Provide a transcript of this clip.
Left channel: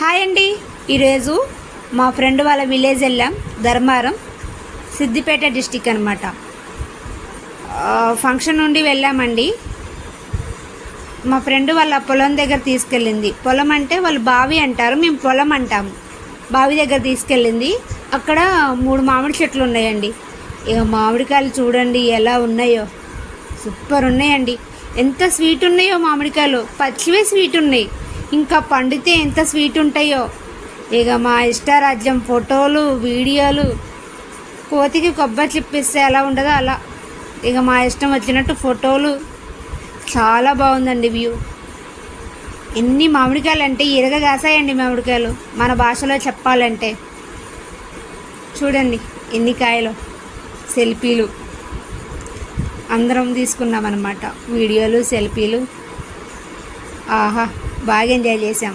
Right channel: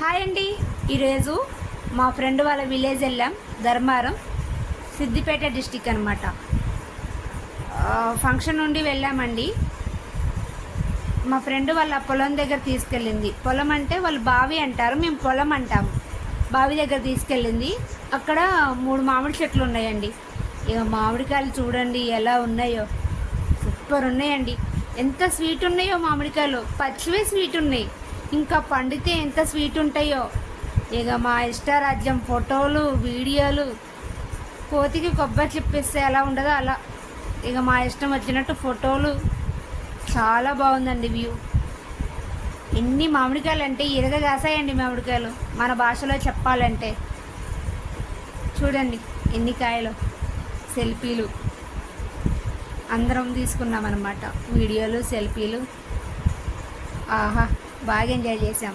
Hi అండి. ఈరోజు మా ఫ్రెండ్ వాళ్ళ విలేజ్ వెళ్ళాం. ధర్మారం, సిద్దిపేట డిస్టిక్ అనమాట. ఫంక్షన్ నుండి వెళ్ళామండి. మా ఫ్రెండ్ వాళ్ళ పొలం దగ్గర తీసుకెళ్ళింది. పొలం అంటే వాళ్ళు బావి అంటారు, మేము పొలం అంటాము. బావి దగ్గర తీసుకెళ్ళింది. అక్కడ 3 మామిడి చెట్లు ఉన్నాయండి. ఇక మామిడికాయలు చూడండి ఎలా ఉన్నాయో, సూపర్ ఉన్నాయండి. ఎంత స్వీట్ ఉన్నాయో మామిడికాయలు, పచ్చివే స్వీట్ ఉన్నాయి. ఇంకా పండితే ఎంత స్వీట్ ఉంటాయో. ఇక మా ఇష్టారాజ్యం, ఫోటోలు, వీడియోలు. కోతికి కొబ్బరి చిప్పిస్తే ఎలా ఉండదో అలా ఇక మా ఇష్టం వచ్చినట్టు ఫోటోలు. చాలా బాగుందండి వ్యూ. ఎన్ని మామిడికాయలు అంటే ఇరగగాసాయండి మామిడికాయలు, మన భాషలో చెప్పాలంటే. చూడండి ఎన్ని కాయలు. సెల్ఫీలు అందరం తీసుకున్నామన్నమాట, వీడియోలు, సెల్ఫీలు. ఆహా, బాగా ఎంజాయ్ చేసాం.